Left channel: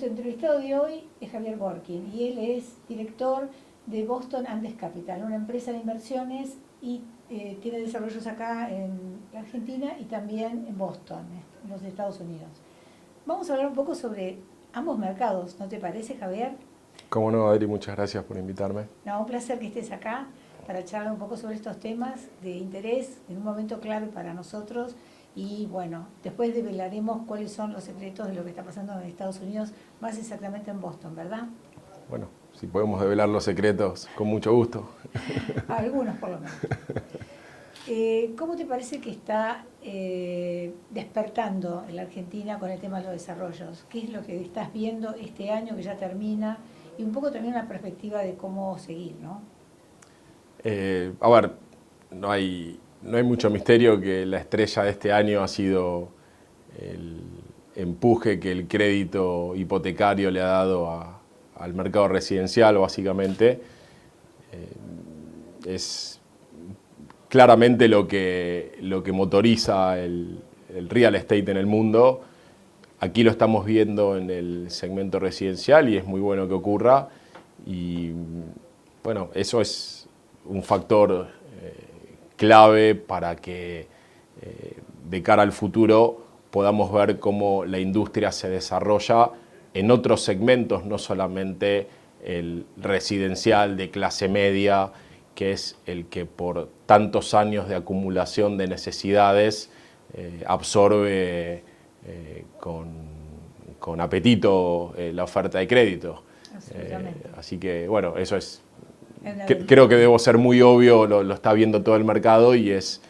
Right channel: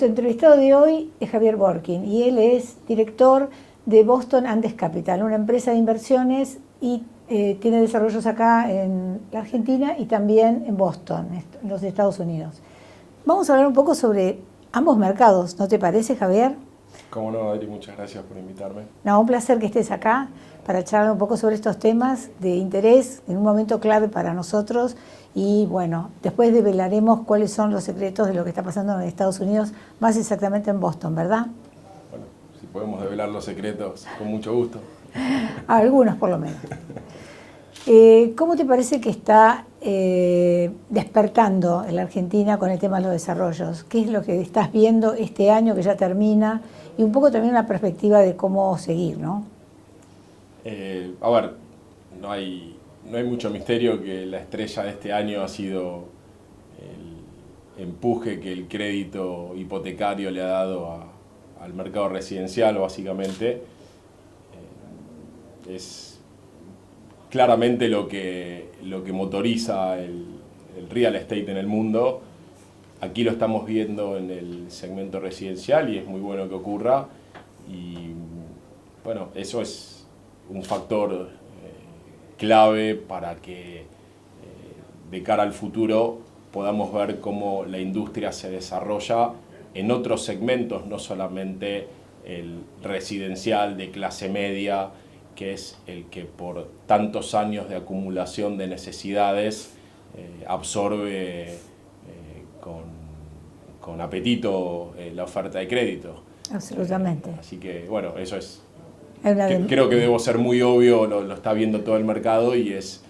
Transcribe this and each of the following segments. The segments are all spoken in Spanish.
Nuestro entrevistado de hoy es Javier Borkin y él es director de Boston Andes Capital, una empresa de inversiones y tiene desarrollos acá en la Argentina y también en Boston, en los Estados Unidos. Vamos a hablar un poco sobre ambos mercados, ¿no te parece, Javier? Cómo no, Adri, muchas gracias por invitarme. No, un placer que estés acá para charlar un poco sobre estos temas de interés en un momento clave para nosotros. Y bueno, después develaremos cuáles son los secretos de lo que está pasando en Estados Unidos, más exactamente en Boston, ¿verdad? Bueno, si podemos develar los secretos, con mucho gusto. Algunos por lo menos. ¿Cómo te parece que está despertando en la Argentina con el tema de los desarrollos? ¿Qué es lo que estás viendo este año que ya termina? Y un poco también una perspectiva de cómo seguir, ¿no? A ver, no hay mucho misterio que la estrella de este año ha sido el empuje que el crédito hipotecario le ha dado al mercado residencial, básicamente. Es claramente lo que motoriza el real estate en el mundo. Aquí lo estamos viendo en el segmento residencial y es muy bueno que ocurra. Y bueno, eso es un factor clave para que de cara al futuro podamos ver cómo la industria se desarrolla en otros segmentos, no solamente el residencial de clase media, que es el que por tantos años de acumulación de necesidades absorbe con apetito la oferta de crédito. Absolutamente. Así que, bueno, eso es... Creo que debo ser muy obvio, lo está viendo todo el mercado y es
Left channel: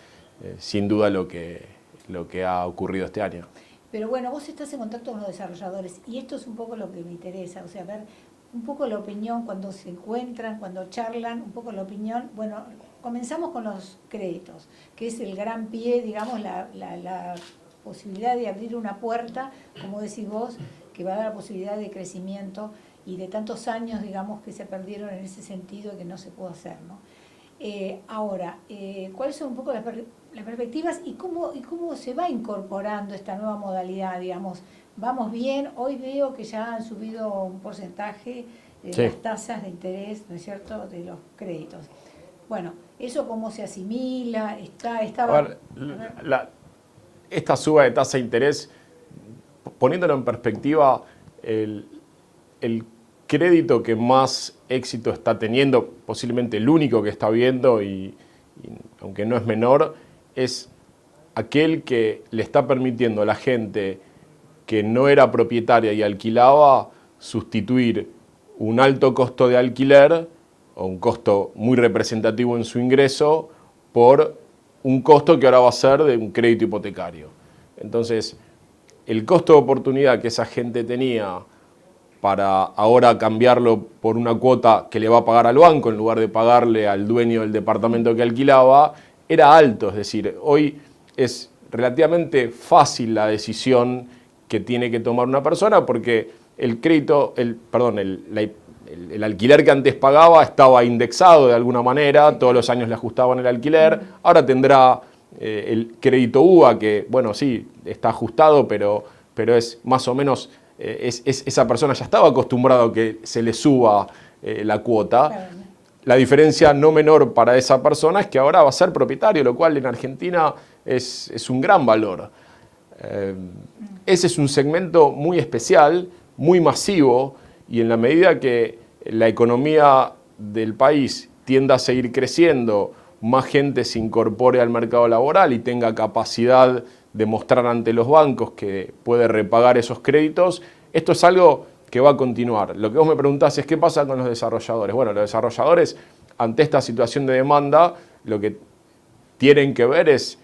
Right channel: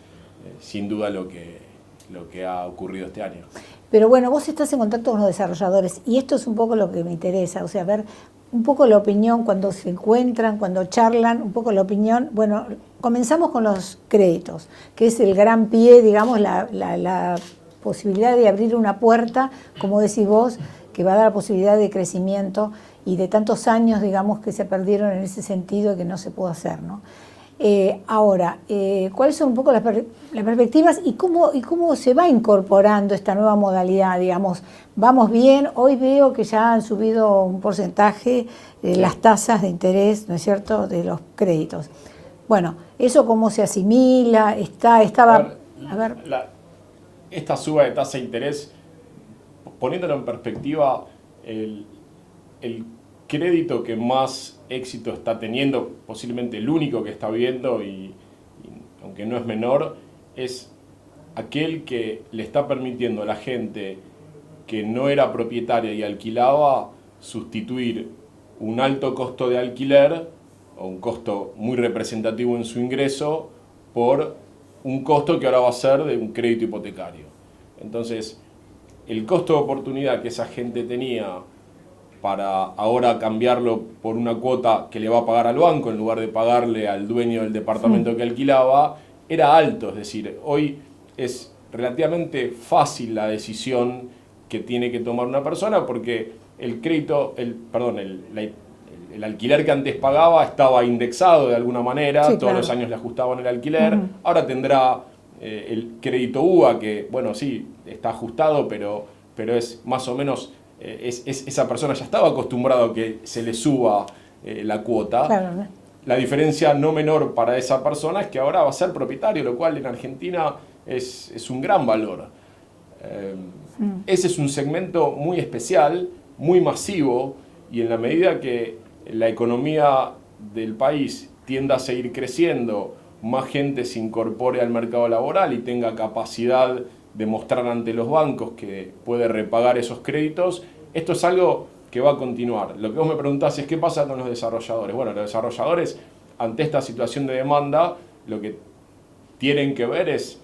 sin duda lo que ha ocurrido este año. Pero bueno, vos estás en contacto con los desarrolladores y esto es un poco lo que me interesa, o sea, ver un poco la opinión cuando se encuentran, cuando charlan, un poco la opinión. Bueno, comenzamos con los créditos, que es el gran pie, digamos, la posibilidad de abrir una puerta, como decís vos, que va a dar la posibilidad de crecimiento y de tantos años, digamos, que se perdieron en ese sentido que no se pudo hacer, ¿no? Ahora, ¿cuáles son un poco las perspectivas y cómo se va incorporando esta nueva modalidad? Digamos, vamos bien, hoy veo que ya han subido un porcentaje de las tasas de interés, ¿no es cierto?, de los créditos. Bueno, ¿eso cómo se asimila? Esta suba de tasa de interés, poniéndolo en perspectiva, el crédito que más éxito está teniendo, posiblemente el único que está viendo, y aunque no es menor, es aquel que le está permitiendo a la gente que no era propietaria y alquilaba sustituir un alto costo de alquiler o un costo muy representativo en su ingreso por un costo que ahora va a ser de un crédito hipotecario. Entonces, el costo de oportunidad que esa gente tenía para ahora cambiarlo por una cuota que le va a pagar al banco en lugar de pagarle al dueño del departamento que alquilaba, era alto. Es decir, hoy es relativamente fácil la decisión que tiene que tomar una persona porque el crédito, el alquiler que antes pagaba estaba indexado de alguna manera, sí, todos los años le ajustaban el alquiler, ahora tendrá el crédito UVA que, bueno, sí, está ajustado, pero es más o menos... esa persona ya estaba acostumbrada a que se le suba la cuota. Claro. La diferencia no menor para esa persona es que ahora va a ser propietario, lo cual en Argentina es un gran valor. Ese es un segmento muy especial, muy masivo, y en la medida que la economía del país tienda a seguir creciendo, más gente se incorpore al mercado laboral y tenga capacidad de mostrar ante los bancos que puede repagar esos créditos, esto es algo que va a continuar. Lo que vos me preguntás es qué pasa con los desarrolladores. Bueno, los desarrolladores, ante esta situación de demanda, lo que tienen que ver es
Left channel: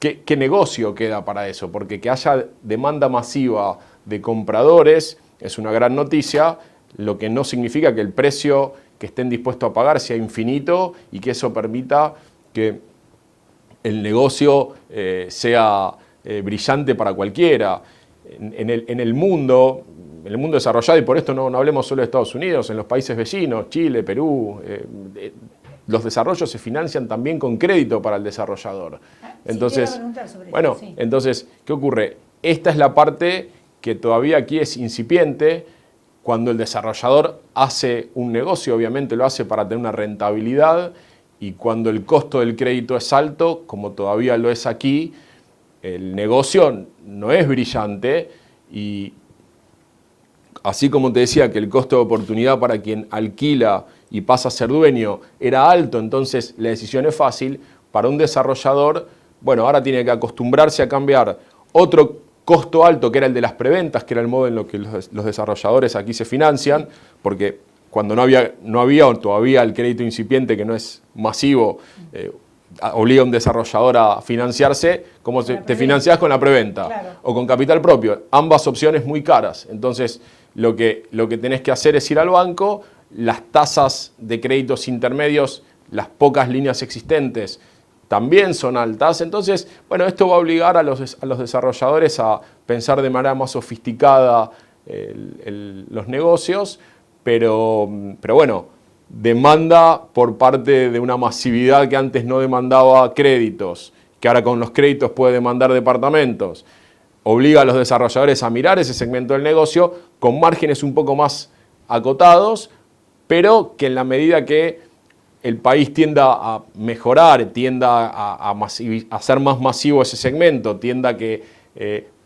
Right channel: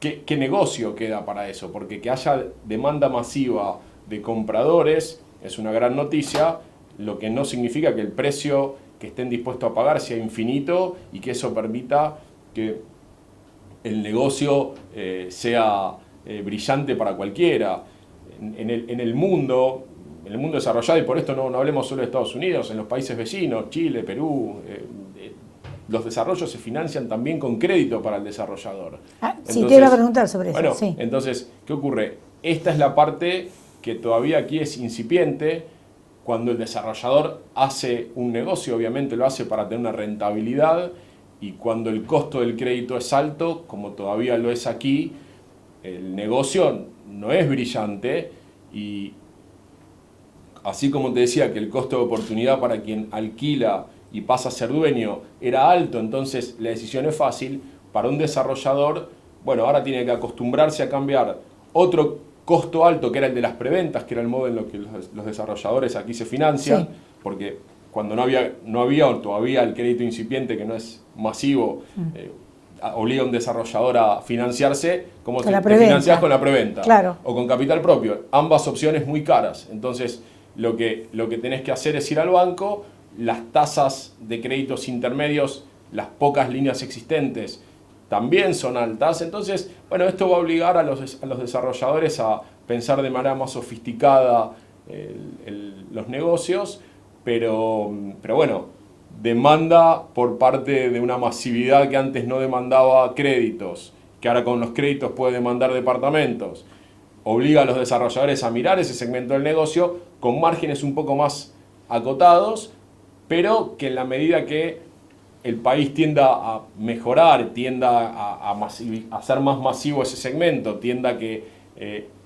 qué negocio queda para eso, porque que haya demanda masiva de compradores es una gran noticia, lo que no significa que el precio que estén dispuestos a pagar sea infinito y que eso permita que el negocio sea brillante para cualquiera. En el mundo desarrollado, y por esto no hablemos solo de Estados Unidos, en los países vecinos, Chile, Perú, los desarrollos se financian también con crédito para el desarrollador. Sí, te iba a preguntar sobre eso. Entonces, ¿qué ocurre? Esta es la parte que todavía aquí es incipiente. cuando el desarrollador hace un negocio, obviamente lo hace para tener una rentabilidad, y cuando el costo del crédito es alto, como todavía lo es aquí, el negocio no es brillante, y así como te decía que el costo de oportunidad para quien alquila y pasa a ser dueño era alto, entonces la decisión es fácil, para un desarrollador, bueno, ahora tiene que acostumbrarse a cambiar otro costo alto, que era el de las preventas, que era el modo en lo que los desarrolladores aquí se financian, porque cuando no había todavía el crédito incipiente, que no es masivo, obliga a un desarrollador a financiarse, como te financias con la preventa, claro, o con capital propio. Ambas opciones muy caras. Entonces, lo que tenés que hacer es ir al banco, las tasas de créditos intermedios, las pocas líneas existentes, también son altas. Entonces, bueno, esto va a obligar a los desarrolladores a pensar de manera más sofisticada los negocios, pero bueno, demanda por parte de una masividad que antes no demandaba créditos, que ahora con los créditos puede demandar departamentos. Obliga a los desarrolladores a mirar ese segmento del negocio con márgenes un poco más acotados, pero que en la medida que el país tienda a mejorar, tienda a hacer más masivo ese segmento, tienda a que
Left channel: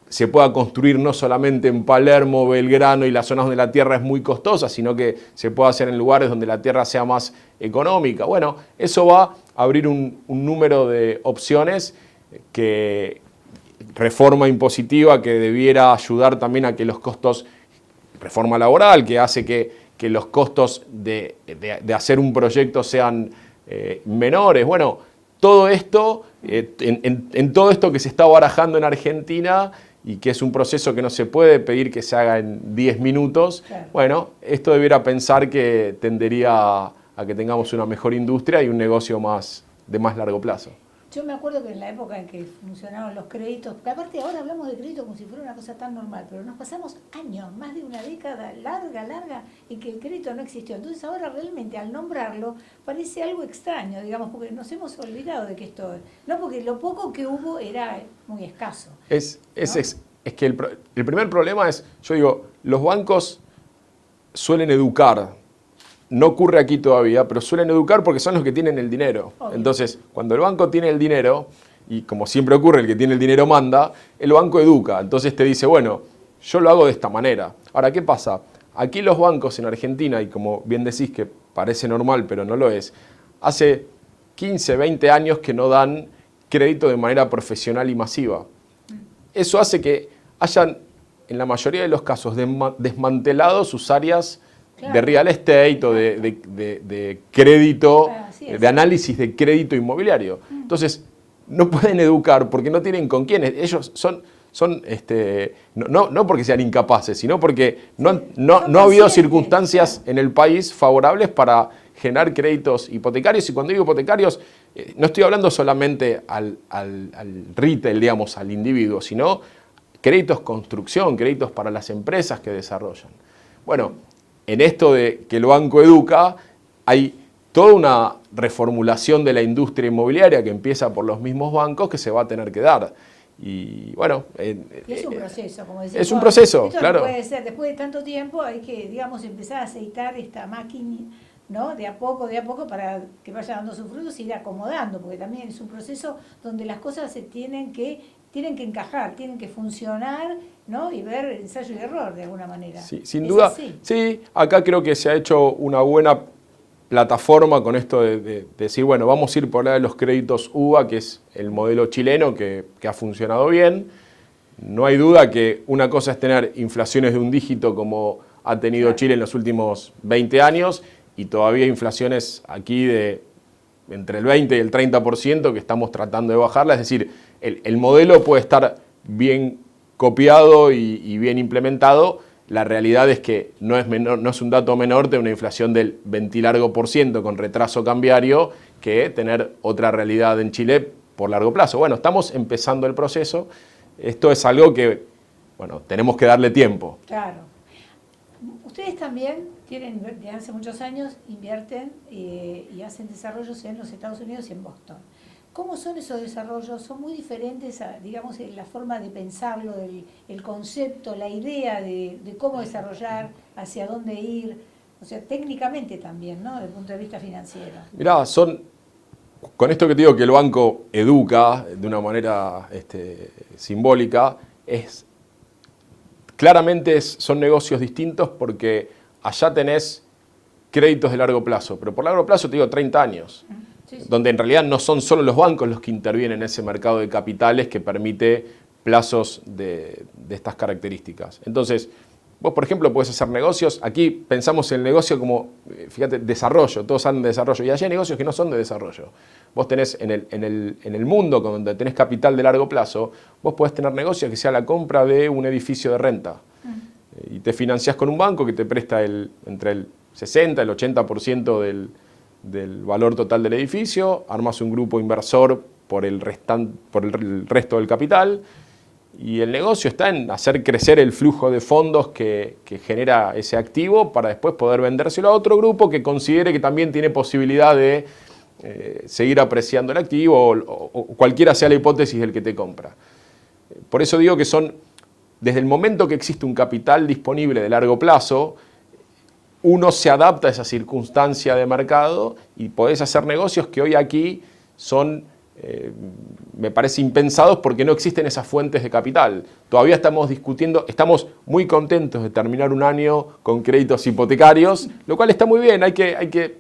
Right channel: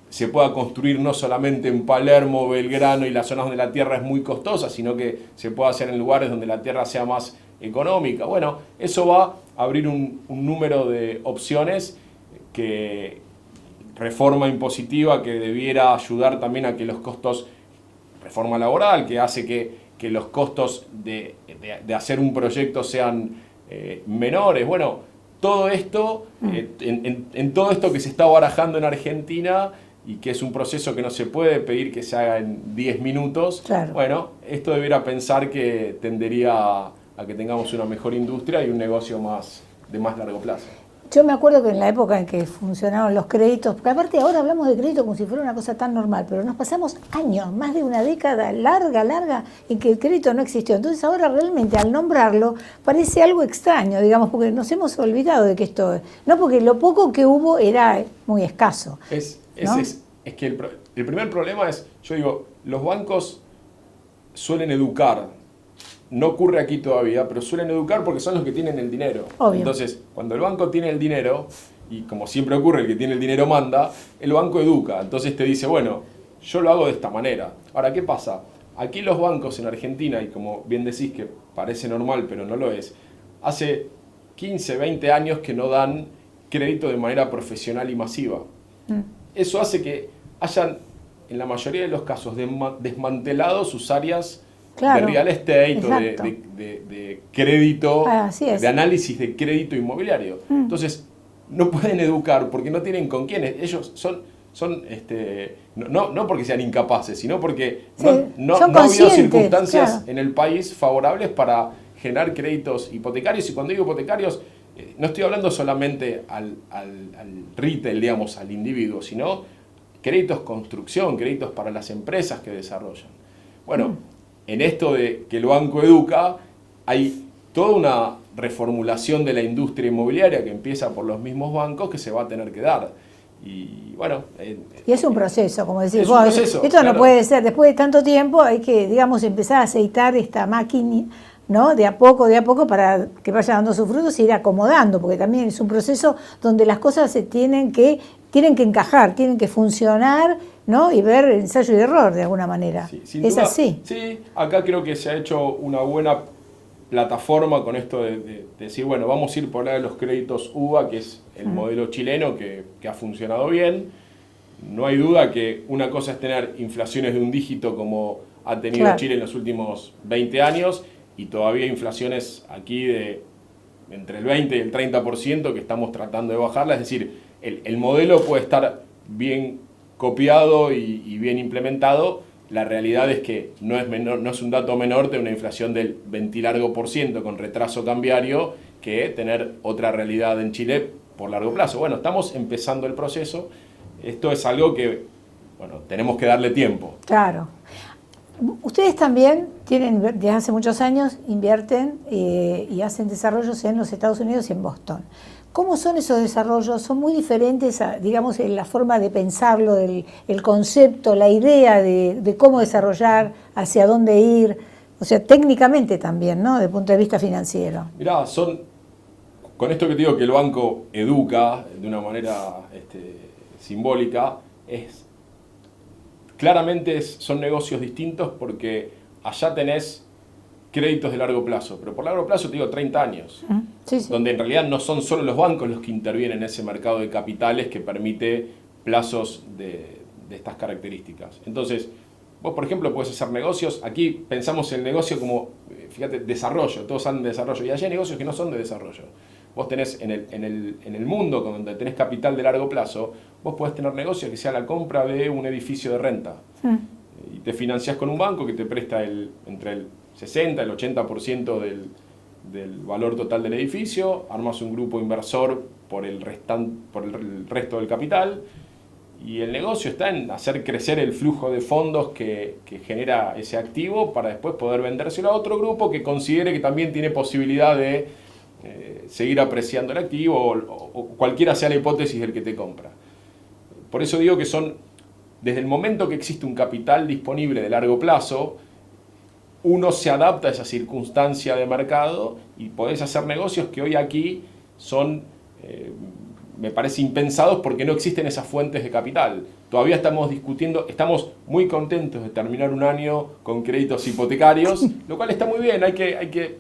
se pueda construir no solamente en Palermo, Belgrano y las zonas donde la tierra es muy costosa, sino que se pueda hacer en lugares donde la tierra sea más económica. Bueno, eso va a abrir un número de opciones, que reforma impositiva que debiera ayudar también a que los costos, reforma laboral que hace que los costos de hacer un proyecto sean menores. Bueno, todo esto, en todo esto que se está barajando en Argentina, y que es un proceso que no se puede pedir que se haga en 10 minutos, claro. Bueno, esto debiera pensar que tendería a que tengamos una mejor industria y un negocio de más largo plazo. Yo me acuerdo que en la época en que funcionaron los créditos, porque aparte ahora hablamos de crédito como si fuera una cosa tan normal, pero nos pasamos años, más de una década larga, en que el crédito no existió. Entonces ahora realmente al nombrarlo parece algo extraño, digamos, porque nos hemos olvidado de que esto, no, porque lo poco que hubo era muy escaso. Es que el primer problema es, yo digo, los bancos suelen educar. No ocurre aquí todavía, pero suelen educar porque son los que tienen el dinero. Obvio. Entonces, cuando el banco tiene el dinero, y como siempre ocurre, el que tiene el dinero manda, el banco educa. Entonces te dice, bueno, yo lo hago de esta manera. Ahora, ¿qué pasa? Aquí los bancos en Argentina, y como bien decís que parece normal, pero no lo es, hace 15, 20 años que no dan crédito de manera profesional y masiva. Eso hace que hayan, en la mayoría de los casos, desmantelado sus áreas, claro, de real estate o de crédito, de análisis de crédito inmobiliario. Entonces, no pueden educar porque no tienen con quién. Ellos no porque sean incapaces, sino porque no ha habido circunstancias en el país favorables para generar créditos hipotecarios. Y cuando digo hipotecarios, no estoy hablando solamente al retail, digamos, al individuo, sino créditos construcción, créditos para las empresas que desarrollan. Bueno, en esto de que el banco educa, hay toda una reformulación de la industria inmobiliaria que empieza por los mismos bancos, que se va a tener que dar. Y bueno... y es un proceso, como decís vos. Es un proceso, esto claro. No puede ser, después de tanto tiempo hay que, digamos, empezar a aceitar esta máquina, ¿no? De a poco, para que vaya dando sus frutos y ir acomodando, porque también es un proceso donde las cosas se tienen que encajar, tienen que funcionar, ¿no? Y ver ensayo y error de alguna manera. Sí, sin duda, así. Sí, acá creo que se ha hecho una buena plataforma con esto de decir, bueno, vamos a ir por los créditos UVA, que es el modelo chileno que ha funcionado bien. No hay duda que una cosa es tener inflaciones de un dígito como ha tenido Chile en los últimos 20 años, y todavía inflaciones aquí de entre el 20 y el 30% que estamos tratando de bajarla. Es decir, el modelo puede estar bien copiado y bien implementado. La realidad es que no es un dato menor de una inflación del 20 largo por ciento con retraso cambiario, que tener otra realidad en Chile por largo plazo. Bueno, estamos empezando el proceso. Esto es algo que, bueno, tenemos que darle tiempo. Claro. Ustedes también tienen, desde hace muchos años, invierten y hacen desarrollos en los Estados Unidos y en Boston. ¿Cómo son esos desarrollos? Son muy diferentes, digamos, en la forma de pensarlo, el concepto, la idea de cómo desarrollar, hacia dónde ir, o sea, técnicamente también, ¿no? Desde el punto de vista financiero. Mirá, con esto que te digo que el banco educa de una manera simbólica, claramente son negocios distintos porque allá tenés créditos de largo plazo, pero por largo plazo te digo 30 años, sí. Donde en realidad no son solo los bancos los que intervienen en ese mercado de capitales que permite plazos de estas características. Entonces, vos por ejemplo podés hacer negocios, aquí pensamos el negocio como, fíjate, desarrollo, todos hablan de desarrollo, y allí hay negocios que no son de desarrollo. Vos tenés en el mundo donde tenés capital de largo plazo, vos podés tener negocios que sea la compra de un edificio de renta. Y te financiás con un banco que te presta entre el 60 y el 80% del valor total del edificio, armas un grupo inversor por el resto del capital, y el negocio está en hacer crecer el flujo de fondos que genera ese activo para después poder vendérselo a otro grupo que considere que también tiene posibilidad de seguir apreciando el activo o cualquiera sea la hipótesis del que te compra. Por eso digo que desde el momento que existe un capital disponible de largo plazo, uno se adapta a esa circunstancia de mercado y podés hacer negocios que hoy aquí son, me parece, impensados porque no existen esas fuentes de capital. Todavía estamos discutiendo, estamos muy contentos de terminar un año con créditos hipotecarios, lo cual está muy bien, hay que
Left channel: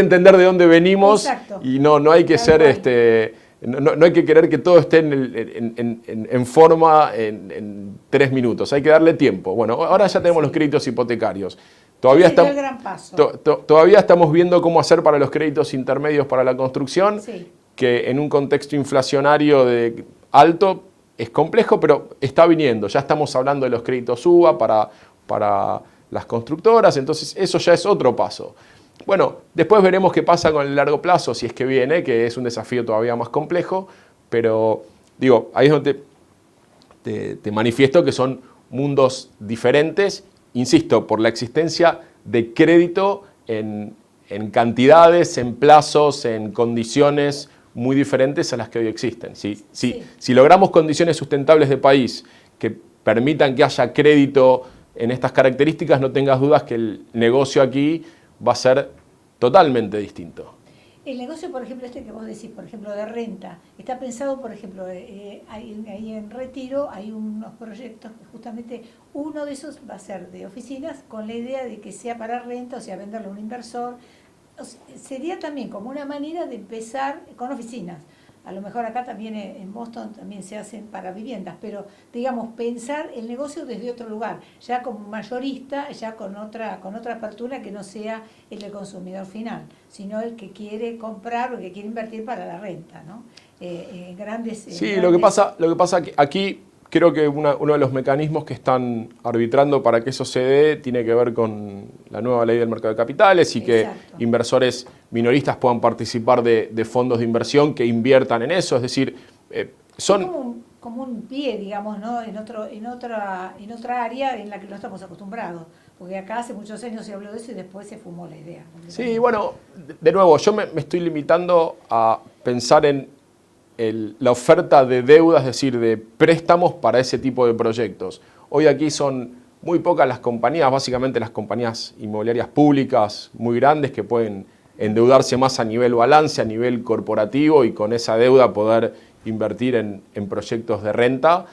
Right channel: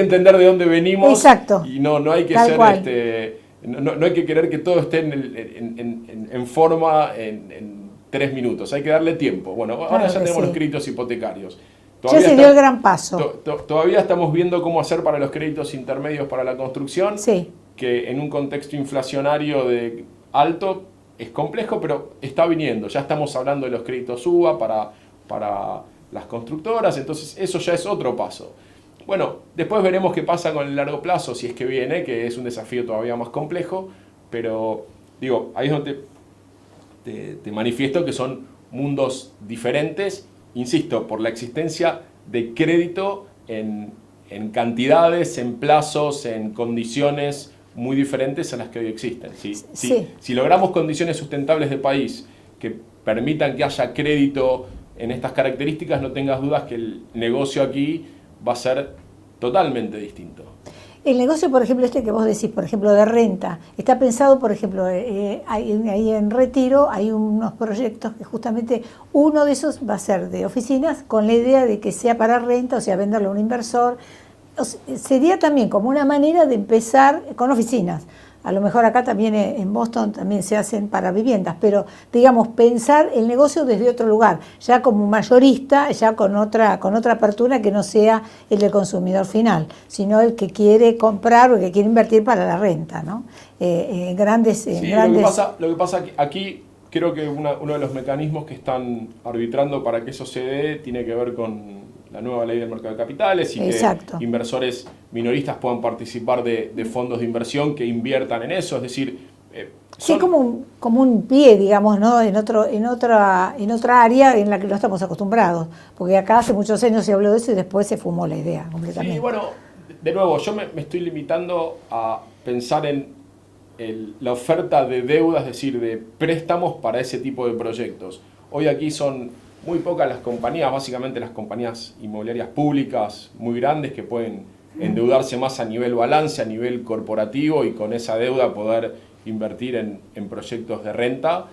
entender de dónde venimos. Exacto. Y no hay que ser, no hay que querer que todo esté en forma en 3 minutos, hay que darle tiempo. Bueno, ahora ya tenemos los créditos hipotecarios. Todavía se dio el gran paso. Todavía estamos viendo cómo hacer para los créditos intermedios para la construcción, sí. Que en un contexto inflacionario alto es complejo, pero está viniendo. Ya estamos hablando de los créditos UVA para las constructoras, entonces eso ya es otro paso. Bueno, después veremos qué pasa con el largo plazo, si es que viene, que es un desafío todavía más complejo, pero digo, ahí es donde te manifiesto que son mundos diferentes, insisto, por la existencia de crédito en cantidades, en plazos, en condiciones muy diferentes a las que hoy existen. Si logramos condiciones sustentables de país que permitan que haya crédito en estas características, no tengas dudas que el negocio aquí va a ser totalmente distinto. El negocio, por ejemplo, que vos decís, por ejemplo, de renta, está pensado, por ejemplo, ahí en Retiro hay unos proyectos que justamente uno de esos va a ser de oficinas con la idea de que sea para renta, o sea, venderlo a un inversor. Sería también como una manera de empezar con oficinas. A lo mejor acá también en Boston también se hacen para viviendas, pero digamos pensar el negocio desde otro lugar, ya como mayorista, ya con otra apertura que no sea el del consumidor final, sino el que quiere comprar o el que quiere invertir para la renta, ¿no? Grandes. Lo que pasa aquí creo que uno de los mecanismos que están arbitrando para que eso se dé tiene que ver con la nueva ley del mercado de capitales y Exacto. que inversores minoristas puedan participar de fondos de inversión que inviertan en eso, es decir, son como un pie, digamos, ¿no? en otra área en la que no estamos acostumbrados, porque acá hace muchos años se habló de eso y después se fumó la idea completamente. Sí, bueno, de nuevo, yo me estoy limitando a pensar en la oferta de deuda, es decir, de préstamos para ese tipo de proyectos. Hoy aquí son muy pocas las compañías, básicamente las compañías inmobiliarias públicas muy grandes que pueden endeudarse más a nivel balance, a nivel corporativo y con esa deuda poder invertir en proyectos de renta,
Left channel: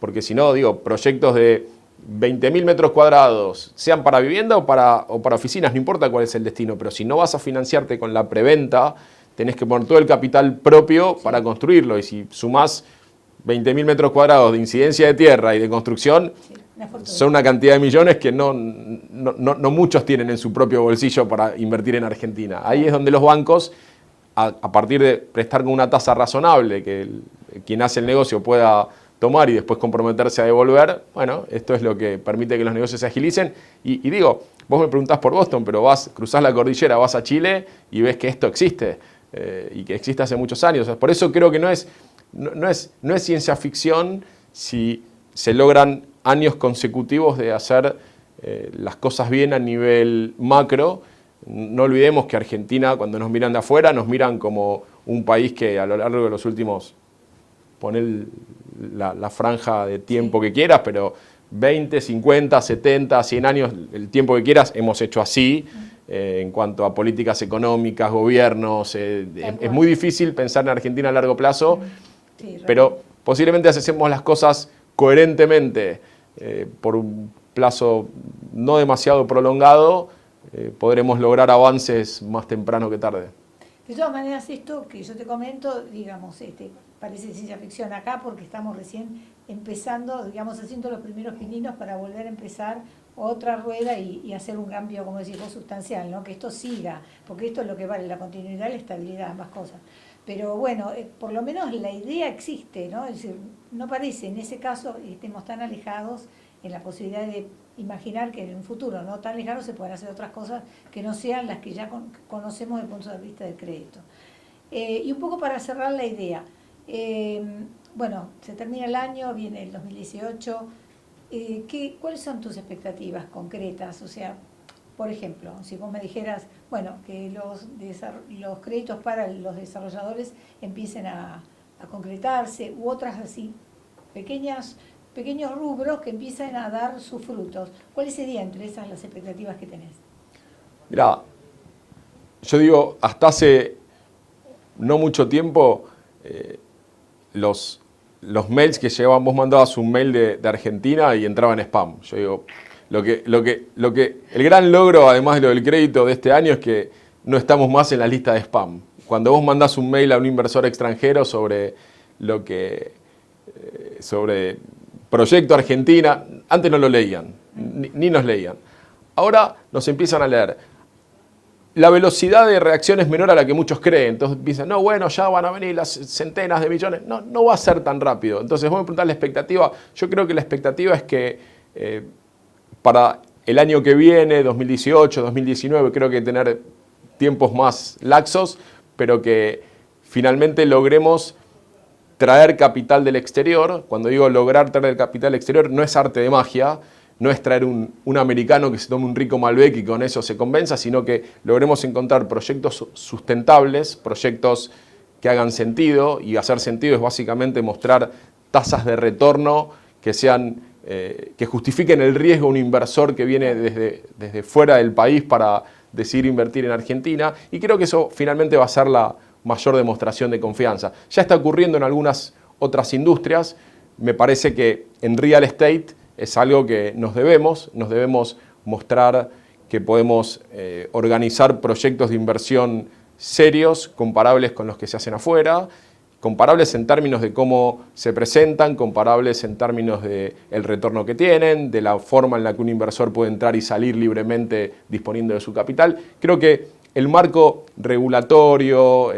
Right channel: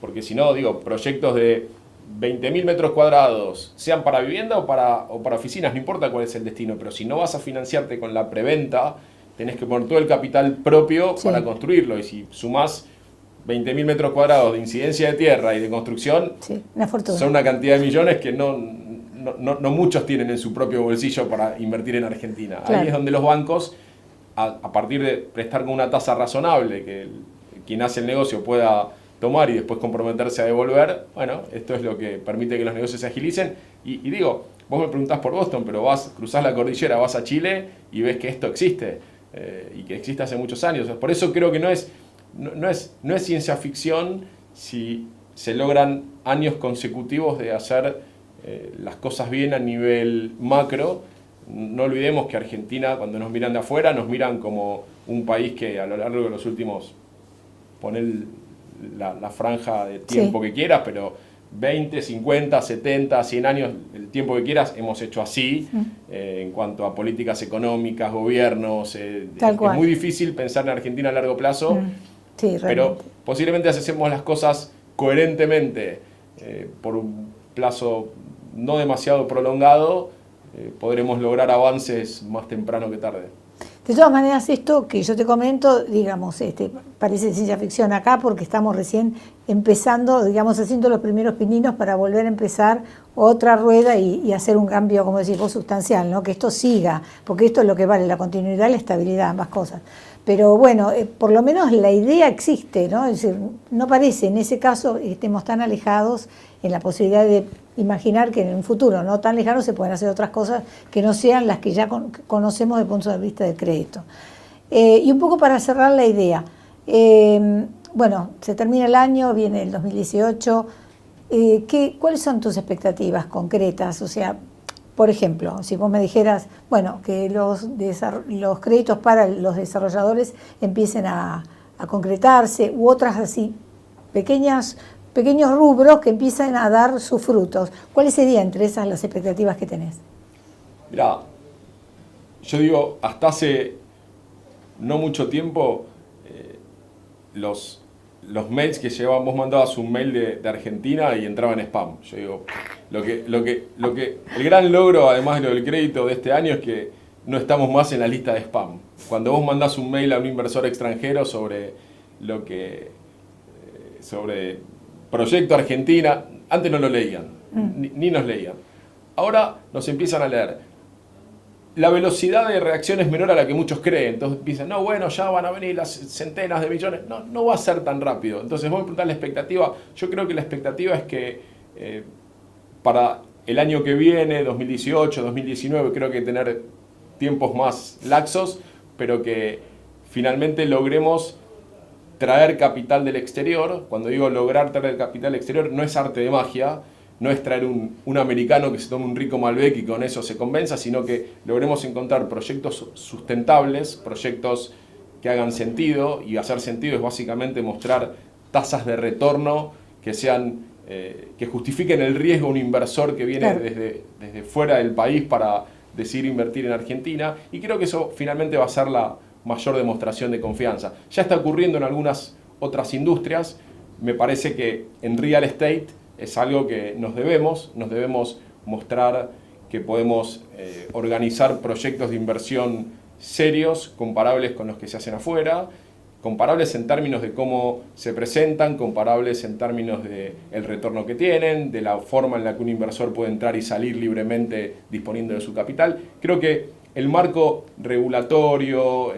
porque si no, digo, proyectos de 20.000 metros cuadrados, sean para vivienda o para oficinas, no importa cuál es el destino, pero si no vas a financiarte con la preventa, tenés que poner todo el capital propio para construirlo, y si sumás 20.000 metros cuadrados de incidencia de tierra y de construcción, son una cantidad de millones que no muchos tienen en su propio bolsillo para invertir en Argentina. Claro. Ahí es donde los bancos, a partir de prestar con una tasa razonable que quien hace el negocio pueda tomar y después comprometerse a devolver, bueno, esto es lo que permite que los negocios se agilicen. Y digo, vos me preguntás por Boston, pero cruzás la cordillera, vas a Chile y ves que esto existe, y que existe hace muchos años. Por eso creo que no es ciencia ficción si se logran años consecutivos de hacer las cosas bien a nivel macro. No olvidemos que Argentina, cuando nos miran de afuera, nos miran como un país que a lo largo de los últimos, poner la franja de tiempo que quieras, pero 20, 50, 70, 100 años, el tiempo que quieras, hemos hecho así en cuanto a políticas económicas, gobiernos. Es muy difícil pensar en Argentina a largo plazo, pero posiblemente si hacemos las cosas coherentemente por un plazo no demasiado prolongado, podremos lograr avances más temprano que tarde. De todas maneras, esto que yo te comento, digamos, parece ciencia ficción acá porque estamos recién empezando, digamos, haciendo los primeros pininos para volver a empezar otra rueda y hacer un cambio, como decís vos, sustancial, ¿no? Que esto siga, porque esto es lo que vale, la continuidad, la estabilidad, ambas cosas. Pero bueno, por lo menos la idea existe, ¿no? Es decir, no parece en ese caso estemos tan alejados en la posibilidad de imaginar que en un futuro no tan lejano se pueden hacer otras cosas que no sean las que ya conocemos desde el punto de vista del crédito. Y un poco para cerrar la idea, bueno, se termina el año, viene el 2018, ¿cuáles son tus expectativas concretas? O sea, por ejemplo, si vos me dijeras, bueno, que los créditos para los desarrolladores empiecen a concretarse, u otras así, pequeños rubros que empiezan a dar sus frutos. ¿Cuáles serían entre esas las expectativas que tenés? Mirá, yo digo, hasta hace no mucho tiempo, los mails que llevaban, vos mandabas un mail de Argentina y entraba en spam. Yo digo, el gran logro, además de lo del crédito de este año, es que no estamos más en la lista de spam. Cuando vos mandás un mail a un inversor extranjero sobre Proyecto Argentina, antes no lo leían, ni nos leían. Ahora nos empiezan a leer. La velocidad de reacción es menor a la que muchos creen. Entonces piensan, no, bueno, ya van a venir las centenas de millones. No va a ser tan rápido. Entonces, vos me preguntás la expectativa. Yo creo que la expectativa es que para el año que viene, 2018, 2019, creo que tener tiempos más laxos, pero que finalmente logremos traer capital del exterior. Cuando digo lograr traer capital del exterior, no es arte de magia, no es traer un americano que se tome un rico Malbec y con eso se convenza, sino que logremos encontrar proyectos sustentables, proyectos que hagan sentido, y hacer sentido es básicamente mostrar tasas de retorno que sean que justifiquen el riesgo a un inversor que viene desde fuera del país para decidir invertir en Argentina, y creo que eso finalmente va a ser la mayor demostración de confianza. Ya está ocurriendo en algunas otras industrias. Me parece que en real estate es algo que nos debemos mostrar que podemos organizar proyectos de inversión serios, comparables con los que se hacen afuera, comparables en términos de cómo se presentan, comparables en términos del retorno que tienen, de la forma en la que un inversor puede entrar y salir libremente disponiendo de su capital. Creo que el marco regulatorio,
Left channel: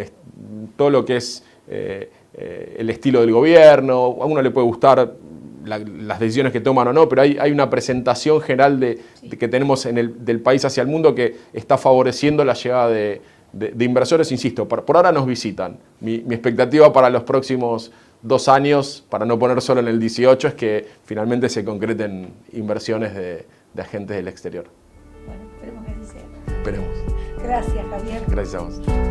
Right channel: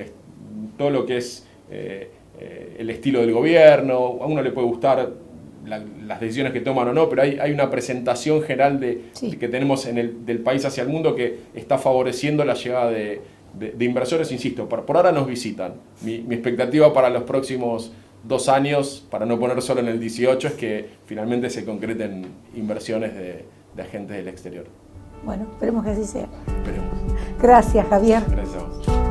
todo lo que es el estilo del gobierno, a uno le puede gustar las decisiones que toman o no, pero hay una presentación general de que tenemos del país hacia el mundo que está favoreciendo la llegada de inversores. Insisto, por ahora nos visitan. Mi expectativa para los próximos 2 años, para no poner solo en el 18, es que finalmente se concreten inversiones de agentes del exterior. Bueno, esperemos que así sea. Esperemos. Gracias, Javier. Gracias a vos.